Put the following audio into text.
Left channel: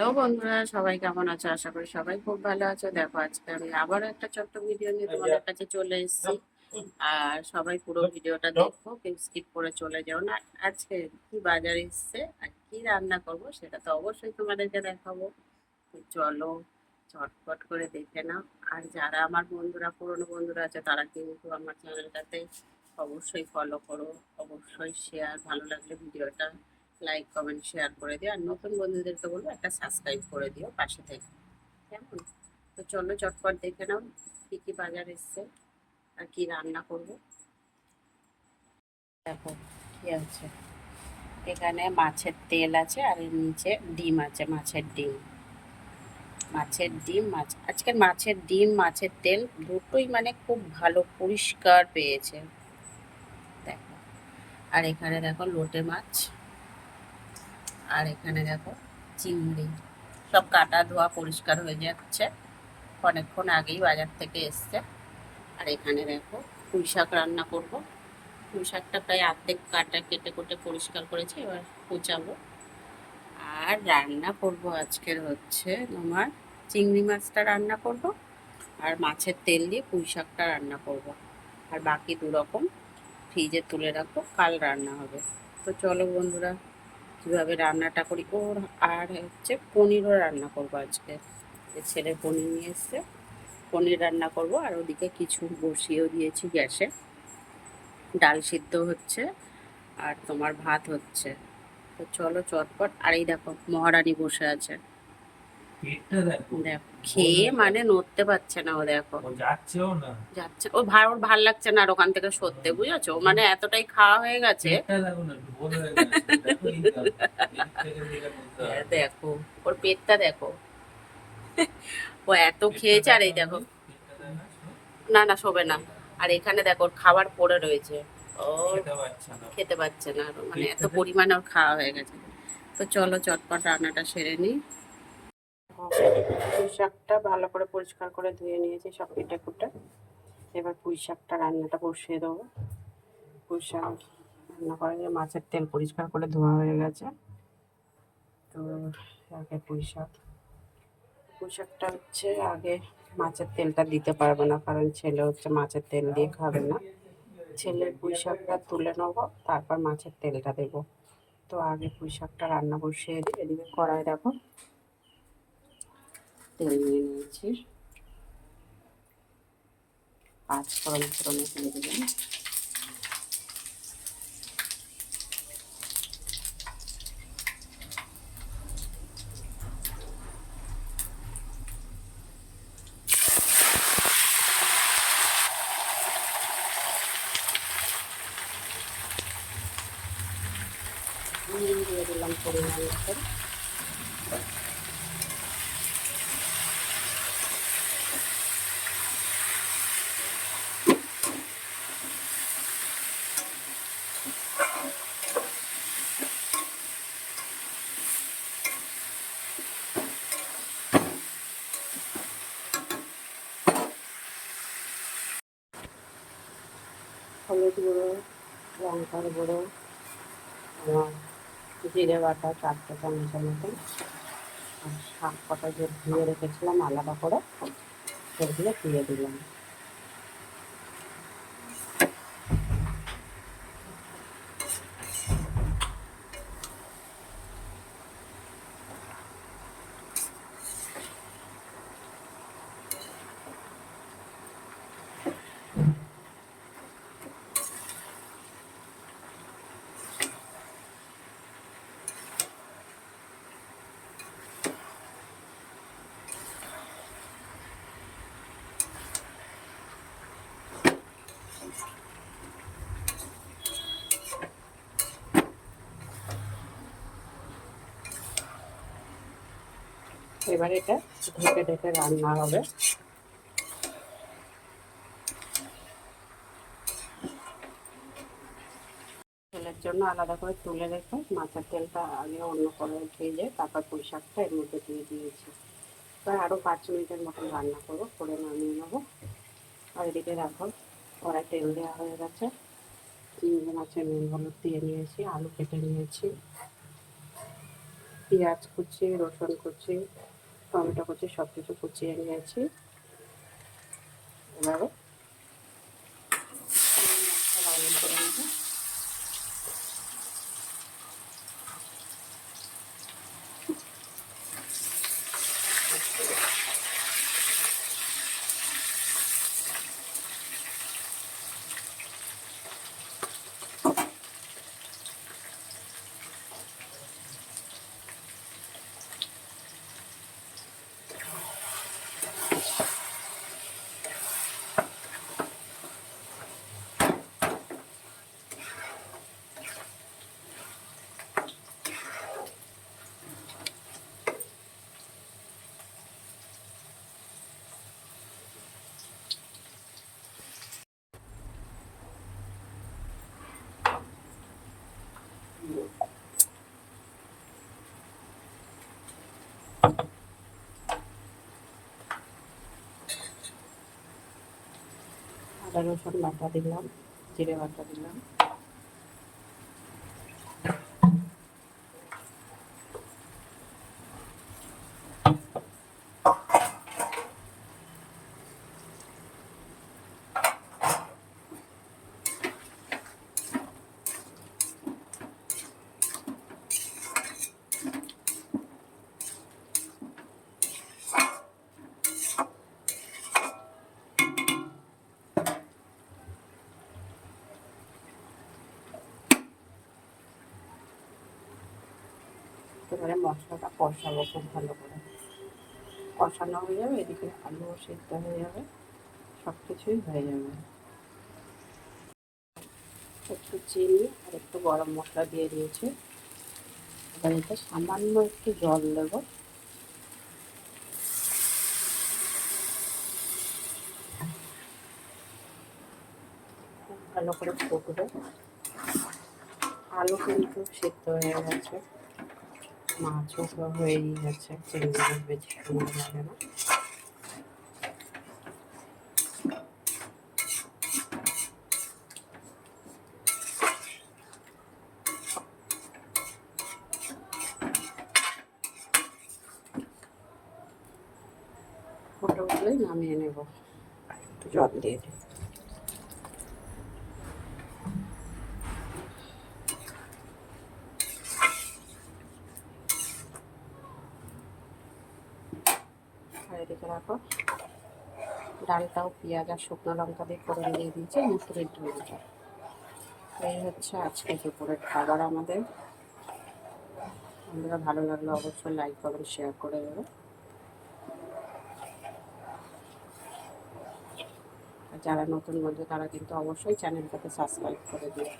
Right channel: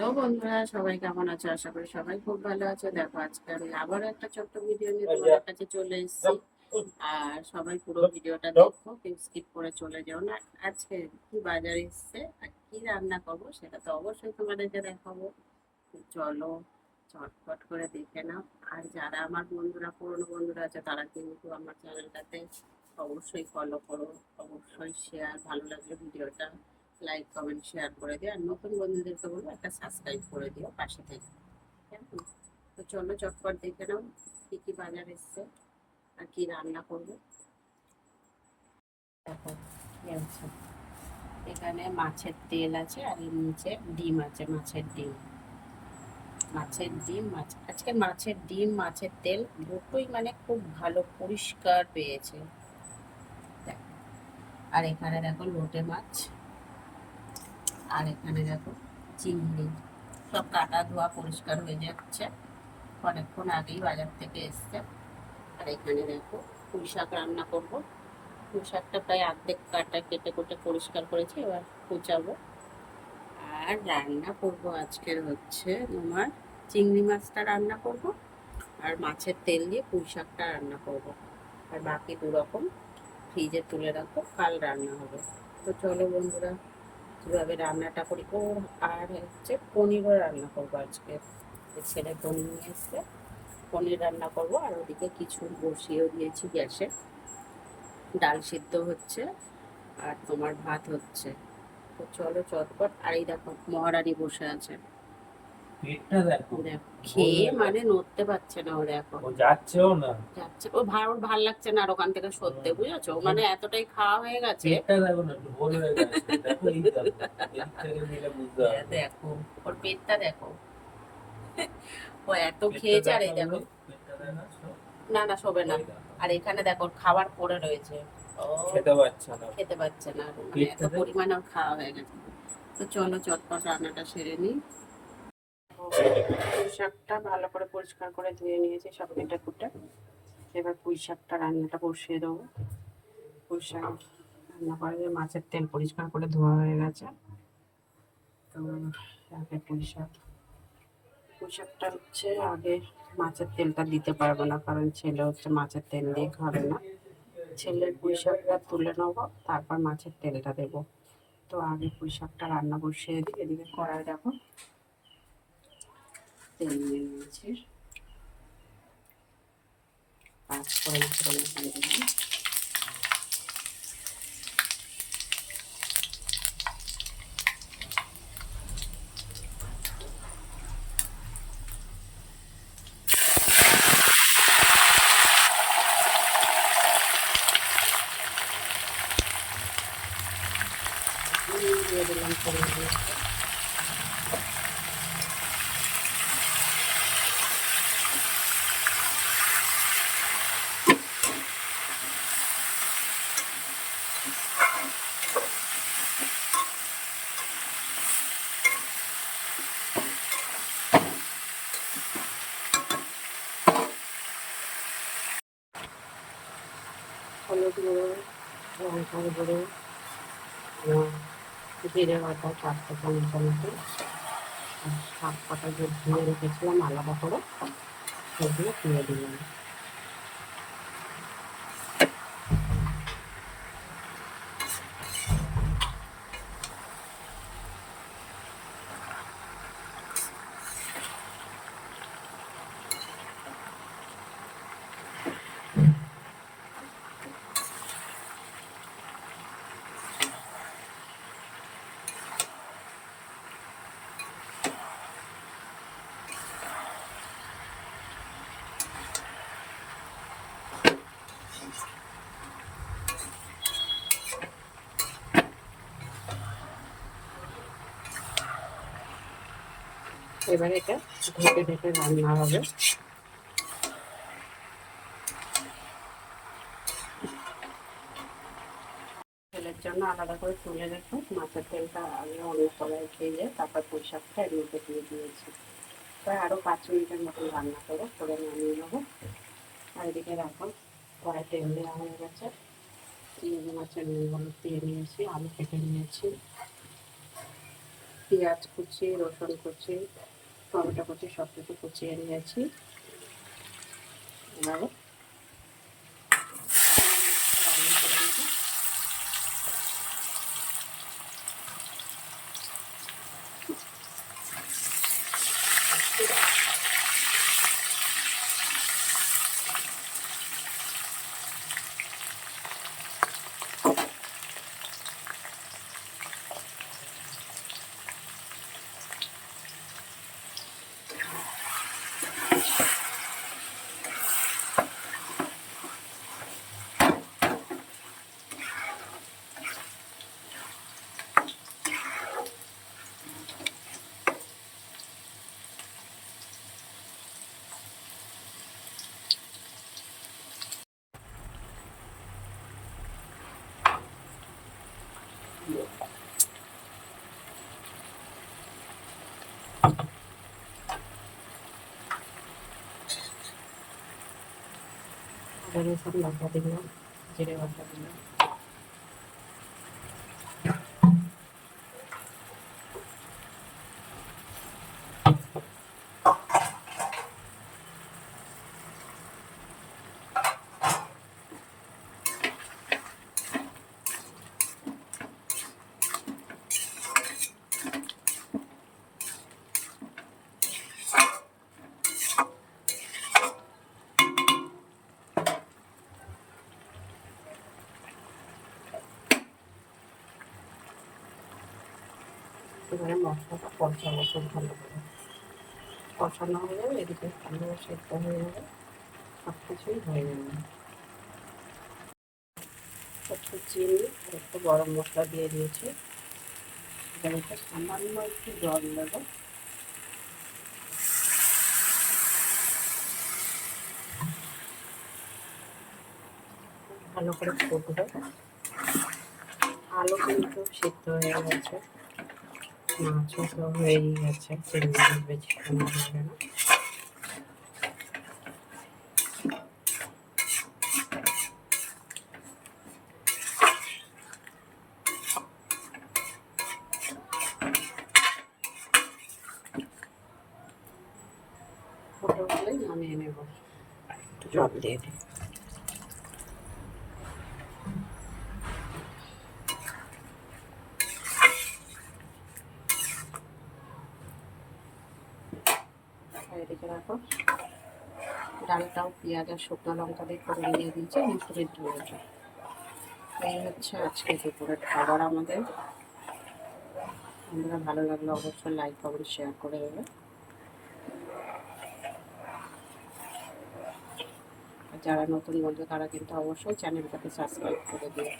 Hello বন্ধুরা, সবাই কেমন আছো? আশা করি সবাই খুব ভালো আছো। দেখো, আজকে আমি আবারও একটা ছোট্ট ভিডিও নিয়ে তোমাদের কাছে চলে এসেছি। আর সবাই পুরো ভিডিওটা দেখো, কেউ স্কিপ করে চলে যাও না। আজকে কি বাজার এসছে আর কি রান্না করব সেটা তো অবশ্যই তোমাদেরকে দেখাবো। তো চলো চটপট করে দেখে নাও। আর যারা আমার বন্ধুরা, পুরনো বন্ধুরা আছে, তারা কিন্তু আমার চ্যানেলটাতে অবশ্যই ফলো করো, অবশ্যই শেয়ার, ভালো লাগলে ভিডিওটা লাইক কমেন্ট শেয়ার করে দিও। আর নতুন বন্ধুদেরকে বলবো একটা সাবস্ক্রাইব করে দিও পাশে থেকে, কেমন? তো চলো চটপট দেখে নাও কি কি বাজার এসছে আর কি রান্না করব। দেখো কি আছে, এখানে মাছের তেল আছে আর এর নিচে ডিম আছে, মাছের ডিম। মাছের ডিম, মাছ, আজকে মাছের ডিম মাছের তেল দুটোই মানে খুব ভালো পরিষ্কার পেয়েছে। দেখো, আর এখানে দেখো লোটে মাছ, আর এখানে দেখো চিংড়ি। সব কাটা ধোয়া পরিষ্কার হয়ে যাচ্ছে, অনেকক্ষণ আগেই বাজার থেকে এসছে। আর এখানে দেখো পুঁই শাক রান্না করব। পুঁই শাকটা প্রায় অর্ধেক কাটা কেটে কুটে পরিষ্কার করেছি, এবার কুচাবো। আর রান্না করব আজকের হচ্ছে তোমার চিংড়ি মাছটা রান্না করব, আর মাছের তেল দিয়ে পুঁই শাকটা রান্না করব। আর বাকি দু রকম ফ্রিজে তুলে রাখবো, কাল রান্না হবে। তো চলো বন্ধুরা কীভাবে রান্নাটা করি। আর হচ্ছে পনিরও রান্না করবো আজকে, ছেলে পনির নিয়ে এসছে, পনির রান্না করব। আর ওদিকে কিছু বসিয়েও দিয়েছি গ্যাসে, ডাল সিদ্ধ হচ্ছে আর তোমার ভাত হচ্ছে। তো চলো চটপট। আর এই দেখো মহারানী বসে আছে, দেখো খেয়ে মানে নড়তে পারছে না। ও দেখো যাচ্ছেও না, যাচ্ছে, ওর ভাল লাগছে না আর ওখান থেকে সরতে, বুঝেছো? মানে এতটাই খাওয়া হয়ে গেছে। দেখো ওর পেটটা দেখো, ও এত খেয়েছে। আর এই দেখো, না না শোবে না। আর এখানে দেখো ওর খাবার পড়ে রয়েছে, ও খেতে পাচ্ছে না আরো, মানে এত পরিমাণে ওর খাওয়া হয়ে গেছে। তো চলো চটপট রান্নাটা সেরে নিই। পুঁই শাকটা ভালো করে পরিষ্কার করে ধুয়ে নিয়েছি সব কেটে কুটে। এবার পুঁই শাকটা রান্নাটা বসিয়ে দেবো। পুঁই শাক রান্না করে মাছের তেল পরিষ্কার করে ধোয়া হয়ে গেছে। তো আগে পুঁই শাকটা হচ্ছে আগে মাছের তেলটা দিতে পারবো না, কারণ ছেলে হচ্ছে মাছের তেল দিয়ে খাবে না। ছেলের পুঁই শাকটা তুলে নেবো, তারপর মাছের তেলটা দেবো। তো আগে পুঁই শাকটা রান্না বসিয়ে দিই। এদিকে কড়াই দেখো তেল নিয়ে নিয়েছি, পাঁচ ফোড়ন দিয়ে দিলাম। দিয়ে দিলাম পরিমাণ মতো। হলুদ গুঁড়ো, লঙ্কার গুঁড়ো, আমার জিরে বাটা 4 চামচের মতন, আর শাক কটা যে ধুয়ে রেখেছিলাম আলাদা করে সেগুলো দিয়ে দিলাম। এবার এটা ঢেকে ঢেকে রান্না হবে। তেলের জন্য আলাদা করে তুলে রেখে মাছের তেলটা আগে অন্য কড়াই ভেজে তারপর পুঁই শাকটা এর মধ্যে দিয়ে দিয়েছি। প্রায় আরও 5 মিনিটের মতন রান্না করবো, করে নামিয়ে নেবো। আর এদিকে দেখো কড়াই তেল দেওয়া হয়ে গেছে, চিংড়ি মাছের নুন হলুদ দিয়ে নিয়েছি, আলু কেটে নিয়েছি, পেঁয়াজ কুচি, রসুন কুচি, টমেটো কুচি সব কিছু কুচিয়ে নিয়েছি। এবারে রান্না করে নেব। আদা রসুন বাটা দিলাম, জিরে বাটা দিলাম, এবারে মশলাটা কষাবো খুব ভালো করে। কষানো হয়ে যাবে, এদিকে আলু সেদ্ধ হয়ে যাবে, সব কিছুই হয়ে যাবে। একটু চিনি আর একটু গরম মশলা দিয়ে দিয়েছি। এবারে সামান্য একটু জল দেবো। খুব ভালো করে ফুটবে। আলু কিন্তু সেদ্ধ হয়ে গেছে, মাছও তো হয়েই গেছে, চিংড়ি মাছ বেশিক্ষণ লাগে না। ফুটে উঠলেই নামিয়ে নেব। একটু জল দিয়ে দিই। আর এদিকে রাখো, ডালটাও পেঁয়াজ আর শুকনো লঙ্কা দিয়ে করে দিয়ে দিয়েছি, মুসুরির ডালটা। এই হচ্ছে আজকে দুপুরের খাবার আমাদের। বন্ধুরা ভালো লাগলে অবশ্যই লাইক কমেন্ট শেয়ার করে দেবে। আর যারা নতুন বন্ধু তারা কিন্তু অবশ্যই চ্যানেলটাকে সাবস্ক্রাইব করে দিও।